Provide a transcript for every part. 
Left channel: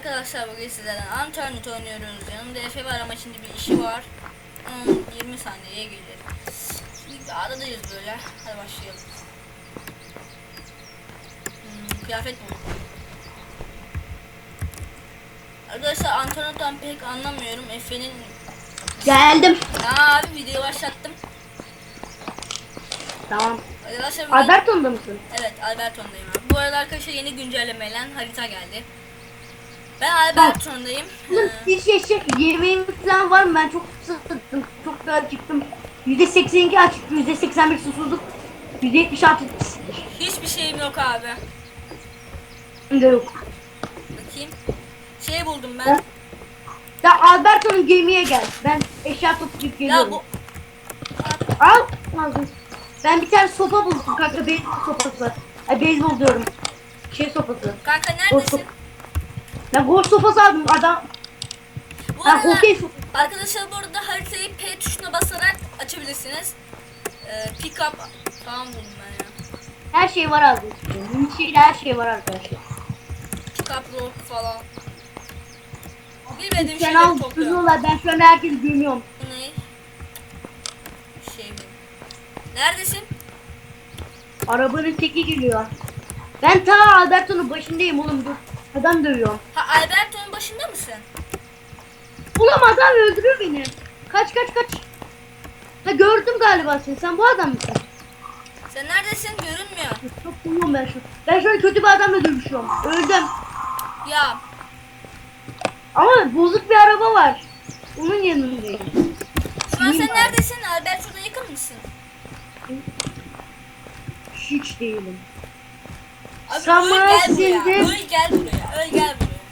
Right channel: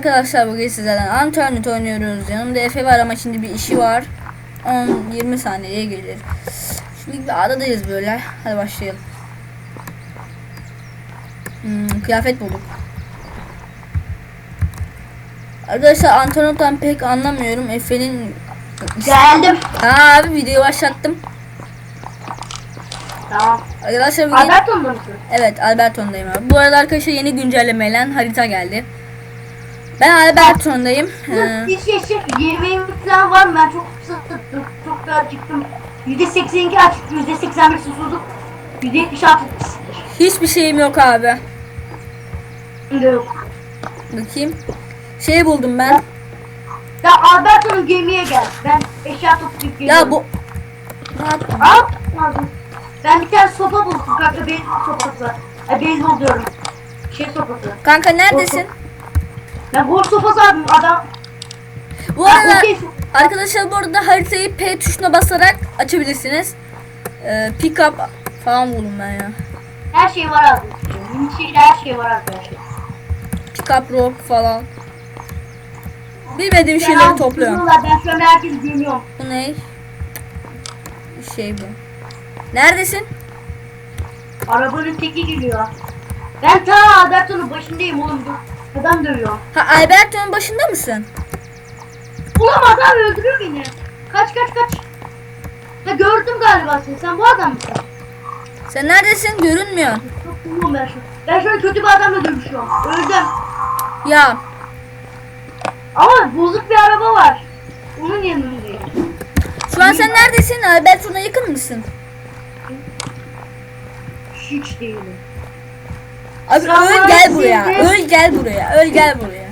arkadaşlar bugün sizlerden Uncharted oynuyoruz. Yanımda Efe var ama şimdi bir işi var. 10-20 saniyeye gelir. Şimdi bir adadayız böyle. Hadi başlayalım. Hmm, kıyafet bulduk. Arkadaşlar Antonot'tan pek anlamıyorum. Efe'nin... Geldim. Ha abi videoyu başlattım. Tamam. Arkadaşlar. Alberton'da mısın? Evet Alberton'dayım abi. Bu arada arkadaşlar yeni güncellemeyle harita geldi. Ben Alberton'dayım. Bir şey şey yemeğim falan var mı? Ben çok sıkıldım. Çok da acıktım. %82 açık, %81 susuzluk, %76 kısıttır. hiçbir şeyim yok abi. Şimdi yok. Bakayım. Şey buldum ben. Ya Alberto'nun gemiye gel. Ben eşya toplayıp geliyorum. Ya bu Al. Aldım. Ben bir tane sopa buldum kanka. Beyzbol sopası. Ay beyzbol diyorum. Şey sopası. kanka neredesin? Ben gol sopası aldım adam. Bu Ha, arada okey. arkadaşlar bu arada haritayı P tuşuna basarak açabilirsiniz. Ee, pick up falan buldum ben ya. Her şey var abi. Minik şeyde her şey var arkadaşlar. Pick up rock falan. Bilmediğim Sen şeyleri al topluyorum. tutuyorlar. Ben şu an herkesi gömüyorum. Bu ne? Bir şey bu. Neredesin? Arabanın teki geliyor. Ben ta Alberto'nun başındayım oğlum. Dur. Adam dövüyor. Ha Alberton'un başında mısın? Ulan adam öldürüyor beni. Kaç kaç kaç. Ha gördüm galiba seni. Sen bu adam mısın? Sen neredesin? Görünmüyor. Çok bulmam ben şu. Ben şöyle kötü bir adamla dövüşüyorum. Öldüm. Ya Ama bozuk bir araba var. Onun yanındayım. şu an sen neredesin? Alberton'a yakın mısın? Hiç değilim. Abi öl gel ya, buraya. Öl gel buraya. Öl gel buraya.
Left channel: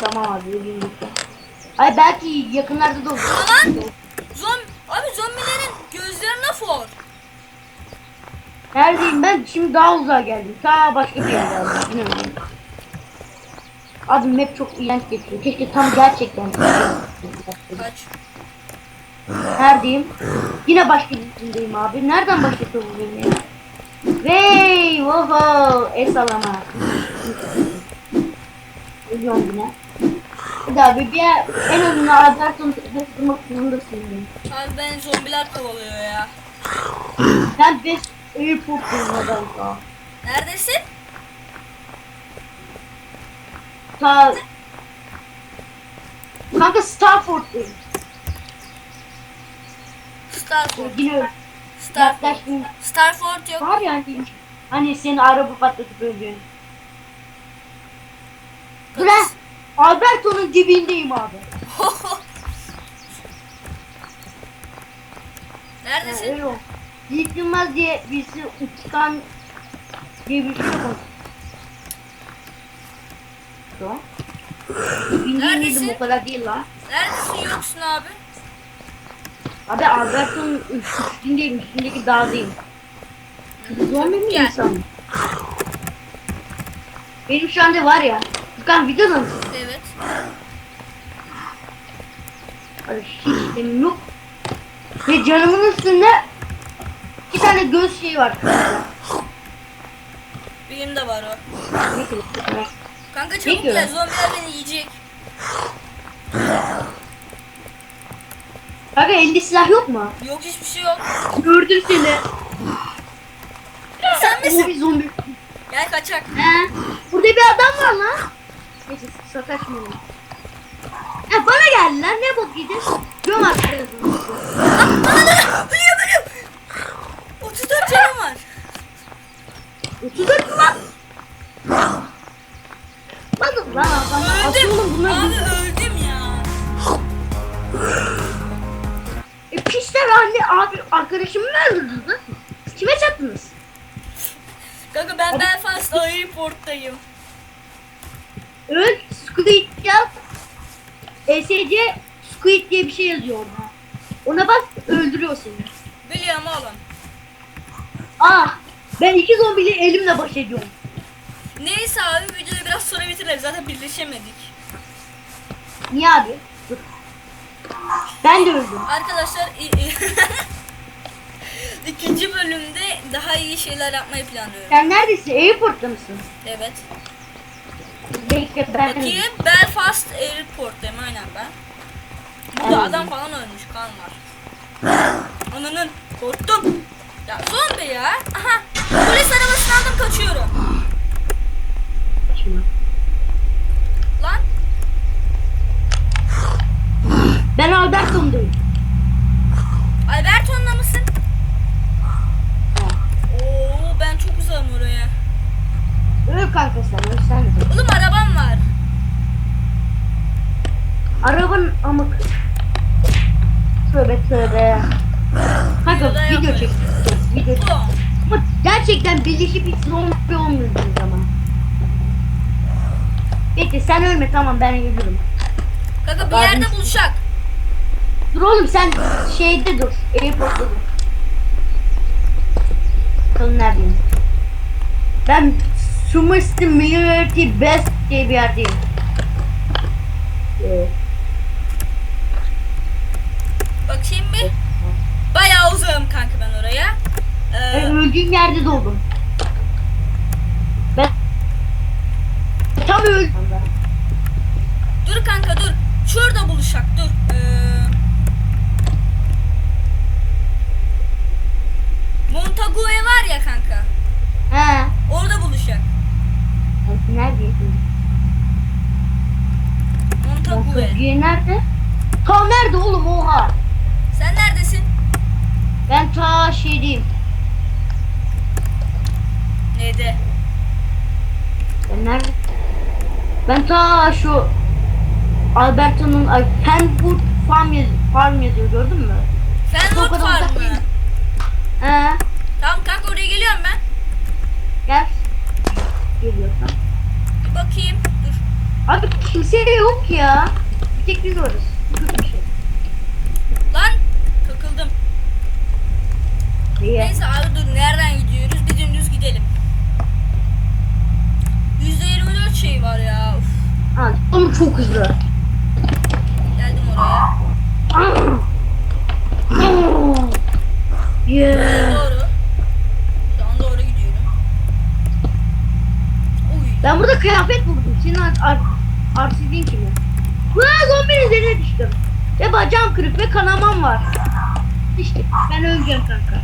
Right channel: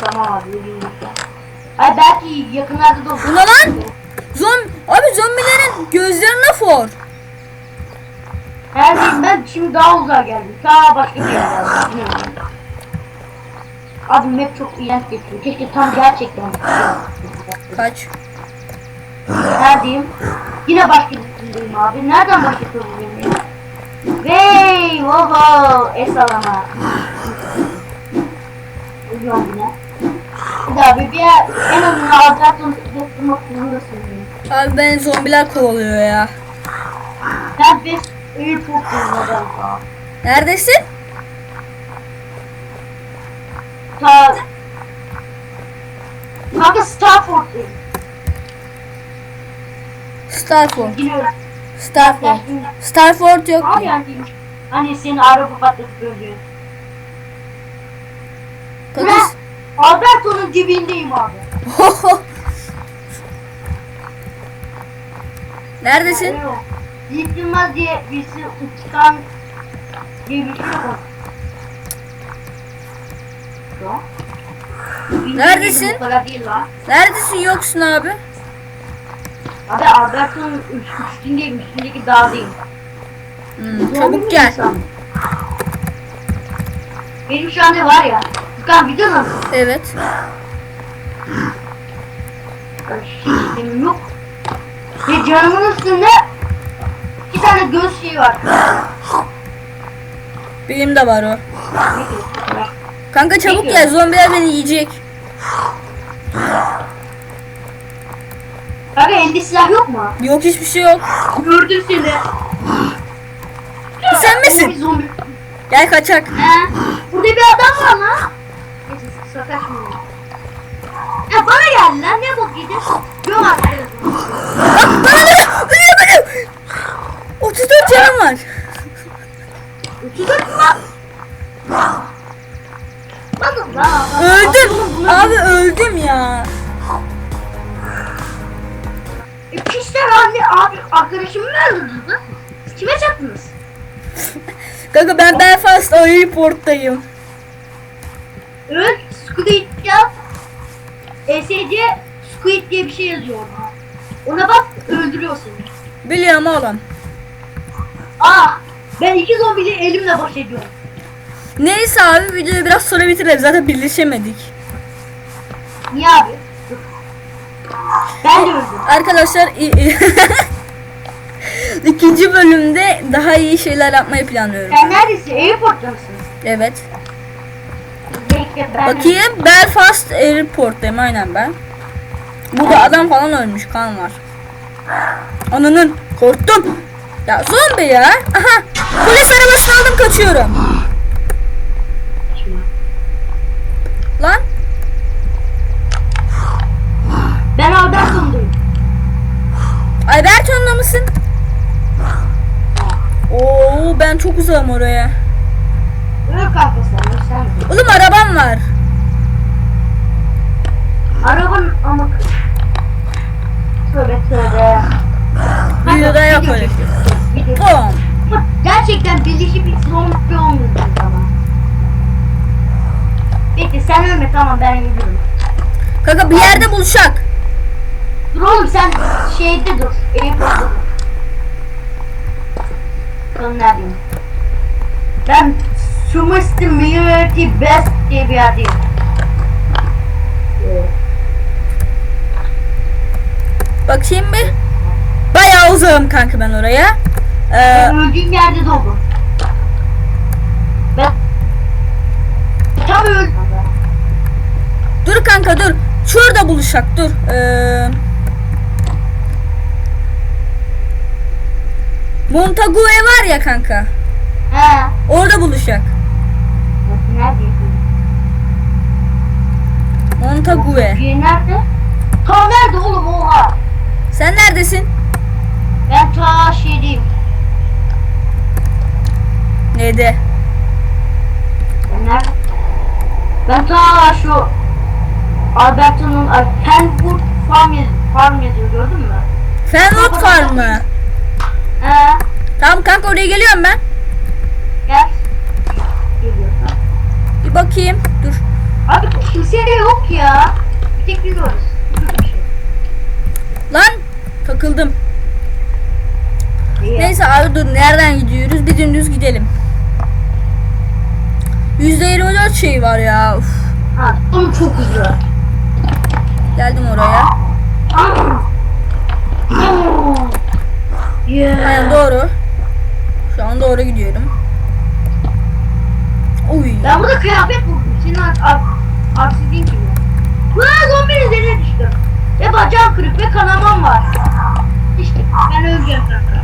Tamam abi. yürüyün lütfen. Ay belki yakınlarda da olur. Ulan lan! Zom abi zombilerin gözlerine for. Neredeyim ben? Şimdi daha uzağa geldim. Ta başka bir yere geldim. Abi map çok iğrenç geçiyor. Keşke tam gerçekten. Kaç. Neredeyim? Yine başka birisindeyim abi. Nereden başlatıyorum beni ya? Vey! Oho! Es alana. Ölüyorum yine. Hadi abi bir yer, en azından Alberton'u tutmak zorundasın. beni. Abi ben zombiler kovalıyor ya. Ben beş airport bulmadan falan. Neredesin? Ta... Kanka Starford'dayım. Starford. Öyle. Starford. Starford yok. Var yani. Hani seni araba patlatıp öldüğün. Ulan Alberto'nun dibindeyim abi. Neredesin? Yok. Yiğit Yılmaz diye birisi uçtan diye bir şey yok. Şu an. Bildiğin Neredesin? gibi O kadar değil lan. Neredesin yoksun abi? Abi Alberto'nun üst- üstündeyim. Üstündeki dağdayım. Hmm, çabuk gel. insan? Benim şu anda var ya. Furkan videoda mısın? Evet. Benim yok. Ve canımın üstünde iki tane göz şeyi var. Benim de var o. Kanka çabuk gel zombiler beni yiyecek. Kanka elde silah yok mu? Yok hiçbir şey yok. Gördüm seni. Sen misin? bir zombi. Gel kaçak. He. Burada bir adam var lan. Neyse sataşmayalım. Ya bana geldi lan ne bok yedin? Göm artık. Ölüyor ölüyor. 34 canım var. 34 mu lan? Bakın lan. Öldüm. Abi öldüm Pisler anne abi arkadaşımı mı öldürdünüz Kime çaktınız? Kanka ben Belfast Airport'tayım. Öl Squid yap. ESC Squid diye bir şey yazıyor orada. Ona bak öldürüyor seni. Biliyorum oğlum. Aa ben iki zombiyle elimle baş ediyorum. Neyse abi videoyu biraz sonra bitirelim. Zaten birleşemedik. Niye abi? Ben de öldüm. Arkadaşlar ikinci bölümde daha iyi şeyler yapmayı planlıyorum. Sen neredesin? Airport'ta mısın? Evet. Bekle ben. Bakayım Belfast Airport'tayım aynen ben. Burada adam falan ölmüş kan var. Ananın korktum. Ya zombi ya. Aha. Polis arabasını aldım kaçıyorum. Lan Ben Alberton'dayım. Alberton'da mısın? Oo ben çok uzağım oraya. Öyle kanka sen, öyle sen de. Oğlum arabam var. Arabanın ama... Tövbe tövbe. Kanka Videoda video yaparız. çekiyoruz. Video Tamam. Ama gerçekten birleşip bir zombi olmuyorsun zaman. Bekle sen ölme tamam ben ölürüm. Kanka bir yerde buluşak. Dur oğlum sen şeyde dur. Airport'ta dur. Bakalım neredeyim. Ben Sumusty Military Best diye bir yerdeyim. Ee, Bakayım bir. Bayağı uzağım kanka ben oraya. Ee, öldüğüm yerde doğdum. Ben tam öldüm. dur kanka dur. Şurada buluşak dur. Ee, Montague var ya kanka. He. Orada buluşak. Neredeyim? Montague. Nerede? Ta nerede oğlum oha? Sen neredesin? Ben ta şeydeyim. Neydi? Nerede? Ben ta şu Alberto'nun ay, Fenwood Farm, yaz, Farm yazıyor gördün mü? Fenwood uzak mı? He. Tamam kanka oraya geliyorum ben. Gel. Geliyorsan. Bir bakayım. Dur. Abi kimse yok ya. Bir tek biz varız. Şey. Lan takıldım. Niye? Neyse abi dur nereden gidiyoruz? Bir dümdüz gidelim. %24 şey var ya. Uf. Ha, oğlum çok hızlı. Geldim oraya. Yeah. Doğru. Şu an doğru gidiyorum. Uy. Ben burada kıyafet buldum. Senin ar ar arsizliğin kimi? Vaa zombinin üzerine düştüm. Ve bacağım kırık ve kanamam var. İşte ben öleceğim kanka.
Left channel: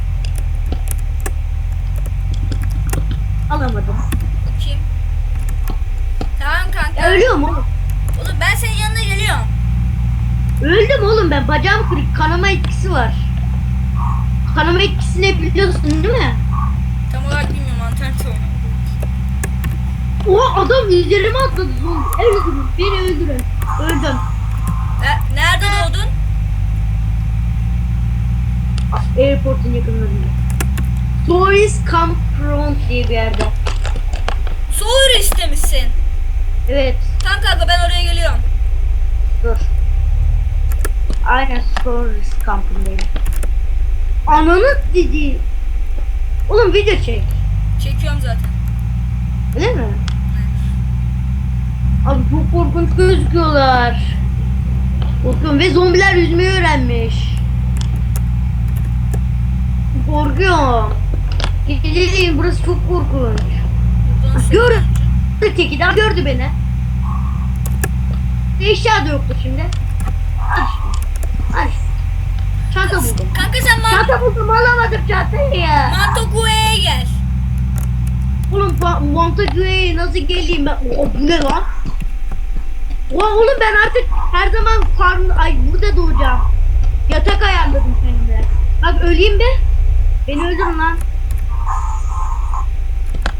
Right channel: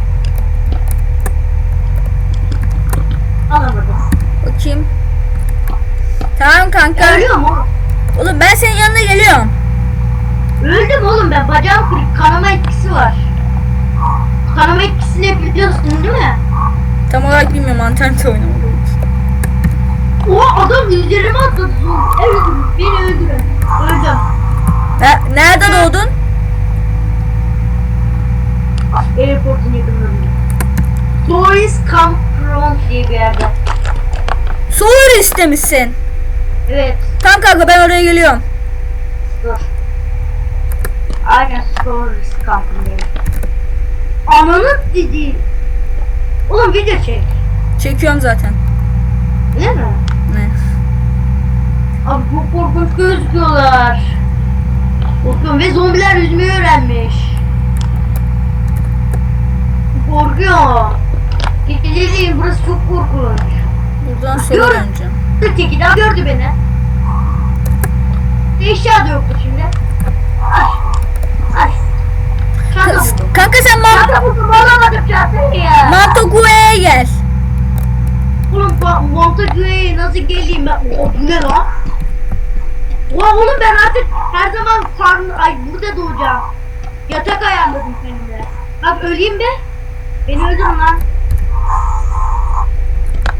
Alamadım. Bakayım. Tamam kanka. Ölüyorum oğlum. Oğlum ben senin yanına geliyorum. Öldüm oğlum ben. Bacağım kırık. Kanama etkisi var. Kanama etkisini biliyorsun değil mi? Tam olarak bilmiyorum internet oynuyorum. Oha adam üzerime atladı. Öldürün. Beni öldürün. Öldüm. Ne- nerede doğdun? Airport'un yakınlarında. Doris Campfront diye bir yerde. Soğur istemişsin. Evet. Tamam kanka ben oraya geliyorum. Dur. Aynen Doris Camp'ındayım. Ananı dedi. Oğlum video çek. Çekiyorum zaten. Öyle mi? Ne? Abi çok korkunç gözüküyorlar. Korkuyorum ve zombiler yüzmeyi öğrenmiş. Korkuyorum. Geceleyin burası çok korkunç. Buradan sola Görün. döneceğim. Teki daha gördü beni. Eşya da yoktu şimdi. Aç. Aç. Çanta buldum. Kanka sen Mont Çanta buldum alamadım çantayı ya. Montague'ye gel. Oğlum pa- Montague'ye nasıl geleyim ben? Bu ne lan? Oha oğlum ben artık her zaman farm ay burada doğacağım. Yatak ayarladım kendime. Bak öleyim be. Beni öldürün lan.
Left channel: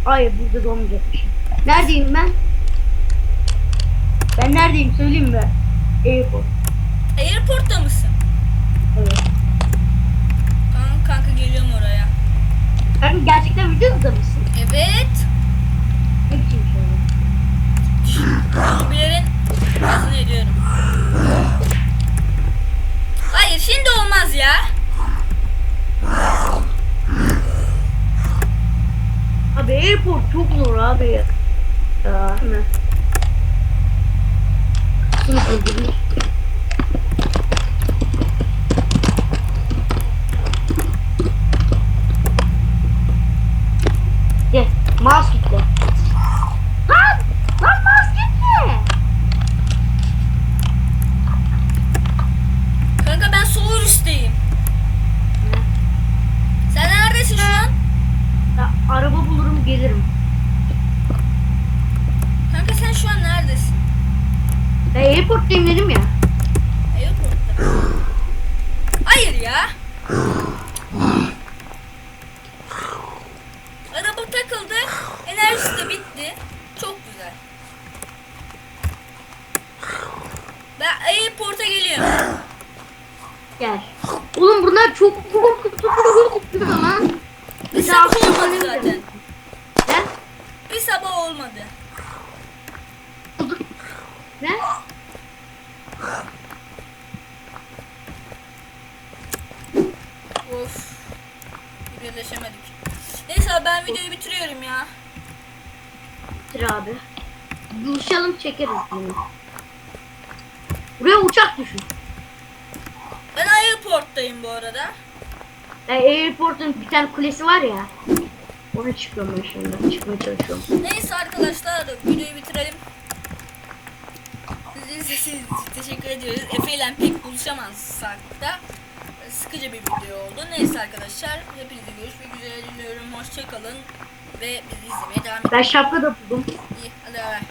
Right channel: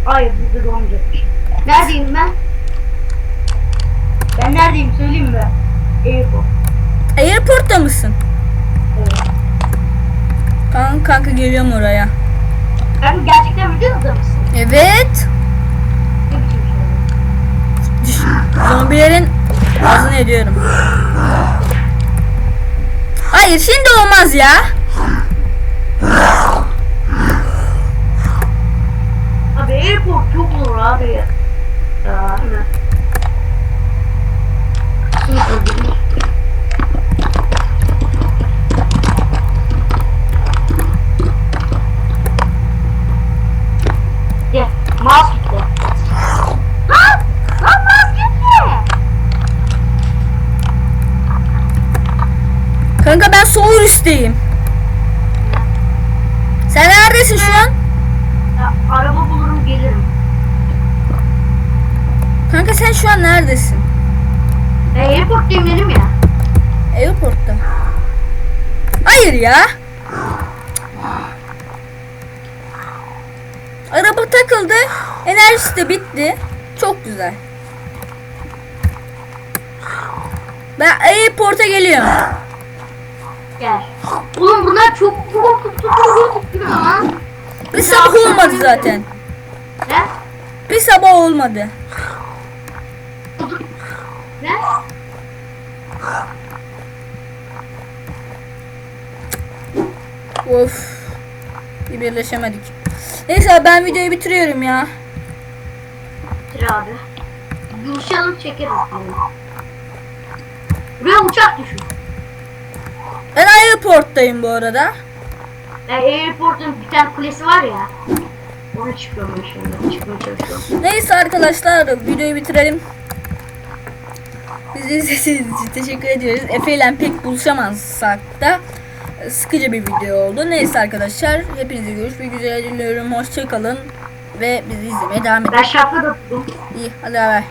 Ay burada doğmayacakmışım. Neredeyim ben? Ben neredeyim söyleyeyim mi? Airport. Airport'ta mısın? Evet. Kanka, kanka geliyorum oraya. Kanka gerçekten videoda mısın? Evet. Ne biçim şey? Zombilerin ağzını ediyorum. Hayır şimdi olmaz ya. Abi airport çok zor abi da. Ne? Bunu öldüreyim. Gel. Kanka ben sol üstteyim. Sen neredesin şu an? Ya, araba bulurum gelirim. Kanka sen şu an neredesin? Ben airporttayım dedim ya. Airport'ta. Hayır ya. Araba takıldı. Enerjisi de bitti. Çok güzel. Ben airport'a geliyorum. Gel. Oğlum bunlar çok korkutucu lan. Bir sabah olmadı zaten. Ne? Bir sabah olmadı. Ne? Of. Bir birleşemedik. Neyse ben videoyu bitiriyorum ya. Bitir abi. Buluşalım çekeriz bunu. Buraya uçak düşün. Ben airport'tayım bu arada. Yani Airport'un bir tane kulesi var ya. Ona çıkıyorum ben şimdi. Çıkmaya çalışıyorum. Neyse arkadaşlar videoyu bitirelim. Bizi izlediğiniz için teşekkür ediyoruz. Efe ile pek buluşamazsak da sıkıcı bir video oldu. Neyse arkadaşlar hepinize görüşmek üzere diliyorum. Hoşçakalın ve bizi izlemeye devam edin. Ben şapka da buldum. İyi hadi bay.